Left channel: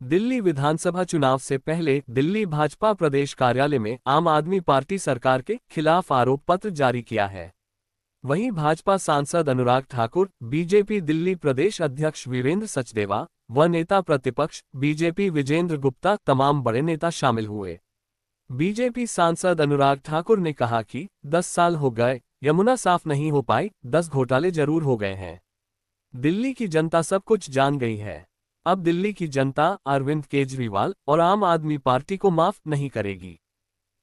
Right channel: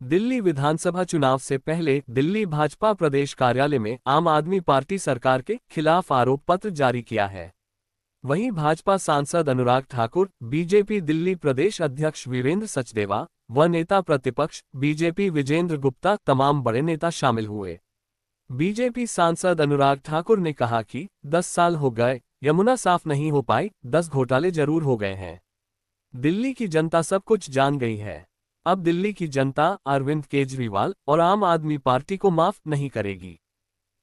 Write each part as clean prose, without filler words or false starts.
दिल्ली विधानसभा चुनाव से पहले दिल्ली भाजपा प्रदेश कार्यालय में आम आदमी पार्टी सरकार के खिलाफ आरोप पत्र जारी किया है। वहीं भाजपा सांसद अनुराग ठाकुर, बीजेपी दिल्ली प्रदेश अध्यक्ष वीरेंद्र सचदेवा व नेता प्रतिपक्ष बीजेपी विजेंद्र गुप्ता तमाम बड़े नेता शामिल हुए। बीजेपी सांसद अनुराग ठाकुर ने कहा कि 10 साल हो गए, यमुना साफ नहीं हो पाई, 10 घोटाले जरूर हो गए हैं। दिल्ली की जनता सब कुछ जान गई है। अब दिल्ली की जनता अरविंद केजरीवाल और आम आदमी पार्टी को माफ नहीं करेगी।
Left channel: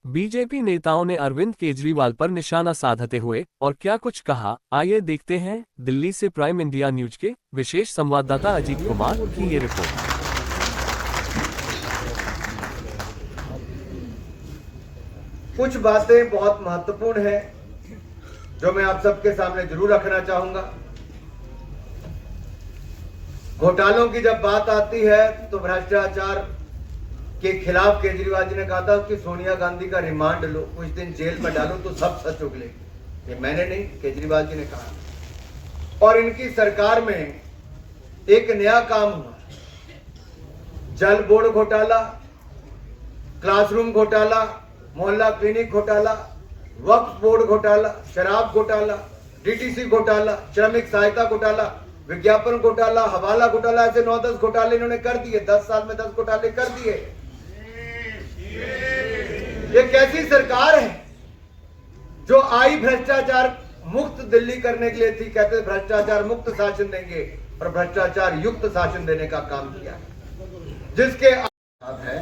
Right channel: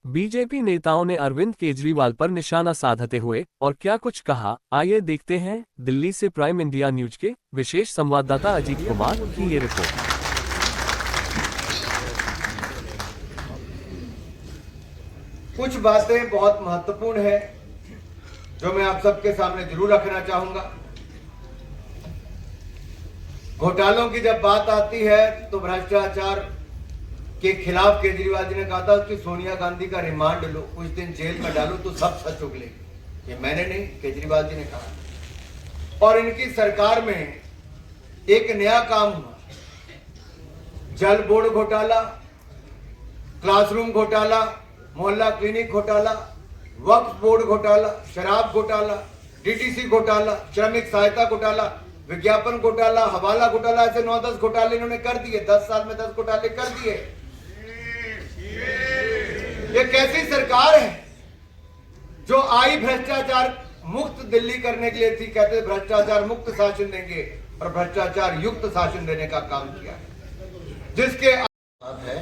बीजेपी नेताओं ने अरविंद केजरीवाल पर निशाना साधते हुए और क्या कुछ कहा, आइए देखते हैं। दिल्ली से प्राइम इंडिया न्यूज के विशेष संवाददाता अजीत कुमार की ये रिपोर्ट। कुछ बातें बहुत महत्वपूर्ण है जो मैं आप सबके सामने जरूर रखना चाहूंगा। घोटालों की जब बात आती है तो भ्रष्टाचार के खिलाफ केजरीवाल जी ने कहा था कि सोनिया गांधी का रिमांड लो, कुछ दिन जेल में डालो तो सब सच उगलेगी। ये मैंने नहीं, केजरीवाल जी ने कहा। और इनकी सरकार में एक नया काम हुआ, जल बोर्ड घोटाला, क्लासरूम घोटाला, मोहल्ला क्लिनिक घोटाला, वक्फ बोर्ड घोटाला, शराब घोटाला, डीटीसी घोटाला, श्रमिक सहायता घोटाला, विज्ञापन घोटाला, हवाला घोटाला, ऐसे 9-10 घोटाले इन्होंने कर दिए। 10 साल में 10 घोटाले कर दिए। ये कैसी सरकार है जो आई भ्रष्टाचार मुक्त दिल्ली करने के लिए थी। कहते भ्रष्टाचार मुक्त शासन देंगे और भ्रष्टाचार युक्त शासन देने का काम किया, जिसके है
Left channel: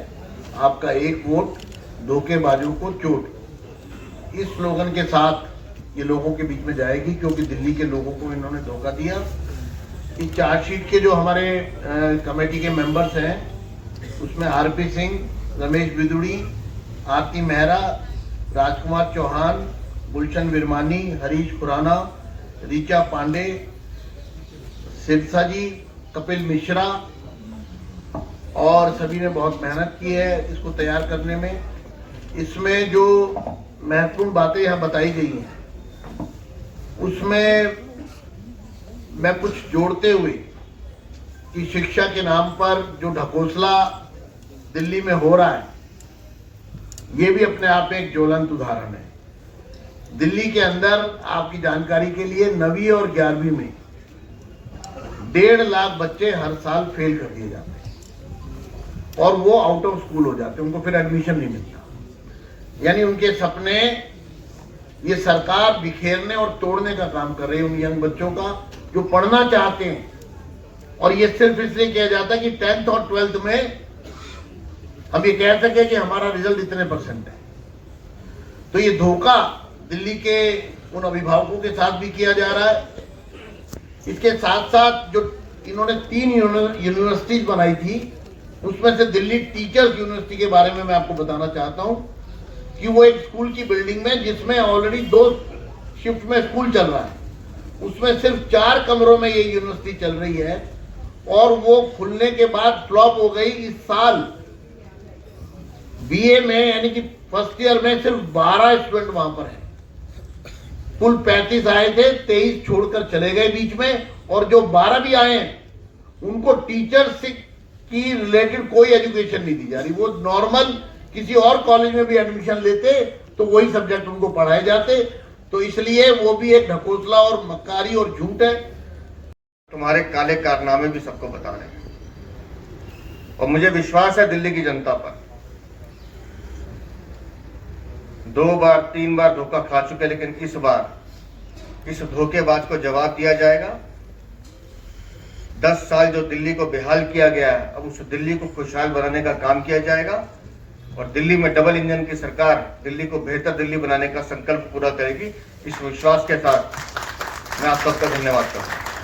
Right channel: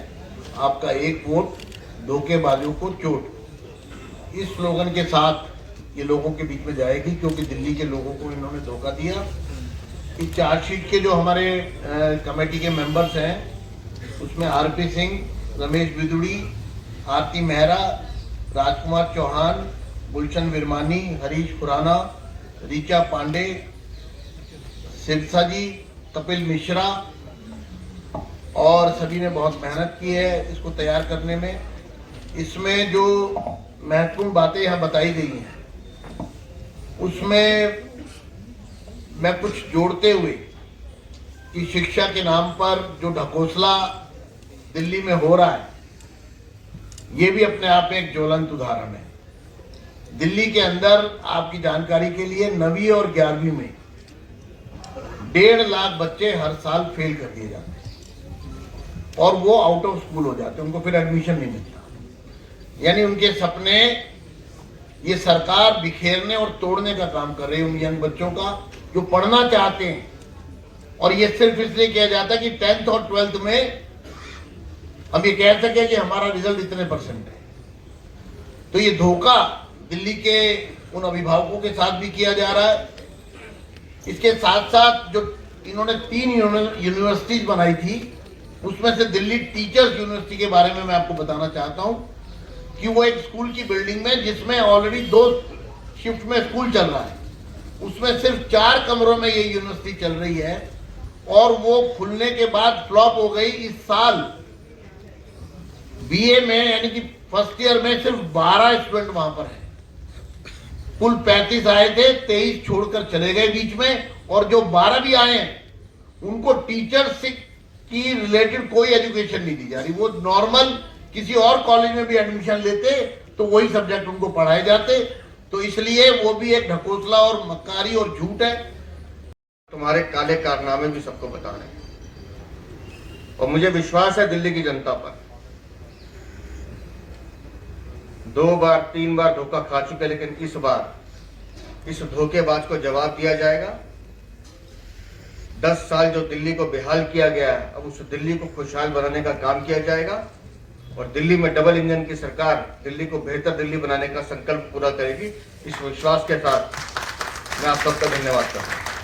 आपका एक वोट धोखेबाजों को चोट। इस स्लोगन के साथ ये लोगों के बीच में जाएगी, क्योंकि दिल्ली के लोगों को इन्होंने धोखा दिया। इस चार्जशीट के जो हमारे कमेटी के मेंबर्स हैं उसमें आरपी सिंह, रमेश बिदुड़ी, आरती मेहरा, राजकुमार चौहान, गुलशन विरमानी, हरीश खुराना, रीचा पांडे, सिरसा जी, कपिल मिश्रा और सभी ने बहुत मेहनत की है इसको तैयार करने में। इसमें जो महत्वपूर्ण बातें यहाँ बताई गई हैं उसमें मैं कुछ जोड़ते हुए कि शिक्षा के नाम पर जो ढकोसला दिल्ली में हो रहा है ये भी अपने आप में एक ज्वलंत उदाहरण है। दिल्ली के अंदर आपकी जानकारी के लिए 9वीं और 11वीं में 1.5 लाख बच्चे हर साल फेल कर दिए जाते हैं और वो आउट ऑफ स्कूल हो जाते हैं, उनको फिर एडमिशन नहीं मिलता। यानी उनके सपने ये सरकार बिखेरने और तोड़ने का काम कर रही है उन यंग बच्चों का जो पढ़ना चाहते हैं। और ये सिर्फ इसलिए किया जाता है कि 10th और 12th में हम ये कह सके कि हमारा रिजल्ट इतने % है। तो ये धोखा दिल्ली के उन अभिभावकों के साथ भी किया जा रहा है। इसके साथ साथ जो इन्होंने 3 यूनिवर्सिटीज बनाई थी उसमें से दिल्ली टीचर्स यूनिवर्सिटी के बारे में मैं आपको बताना चाहता हूं कि वो एक स्कूल की बिल्डिंग में जिसमें ऑलरेडी 2 शिफ्ट में स्कूल चल रहा है, उसमें सिर्फ 4 कमरों में ये यूनिवर्सिटी चल रही है और वो खुलने के बाद फ्लॉप हो गई। इस साल बीए में यानी कि फर्स्ट ईयर में सिर्फ 12 स्टूडेंट वहां पर है। कुल 35 आए थे, 23 छोड़कर चले गए बीच में, और जो 12 भी आए हैं उनको टीचर्स की रिलेटेड कोई एजुकेशन नहीं दी जा रही। वो नॉर्मल किसी और कॉलेज में भी एडमिशन लेते तो वही सब्जेक्ट उनको पढ़ाए जाते। तो इसलिए वो भी एक ढकोसला और मक्कारी और झूठ है। तुम्हारे काले कारनामे भी सबको बता रहे हैं और मुझे विश्वास है दिल्ली की जनता पर। 2 बार 3 बार धोखा खा चुके, लेकिन इस बार इस धोखेबाज को जवाब दिया जाएगा। 10 साल जो दिल्ली को बेहाल किया गया है, अब उस दिल्ली को खुशहाल बनाने का काम किया जाएगा और दिल्ली में डबल इंजन की सरकार दिल्ली को बेहतर दिल्ली बनाने का संकल्प पूरा करेगी। इस विश्वास के साथ मैं आप सबका धन्यवाद करता हूं।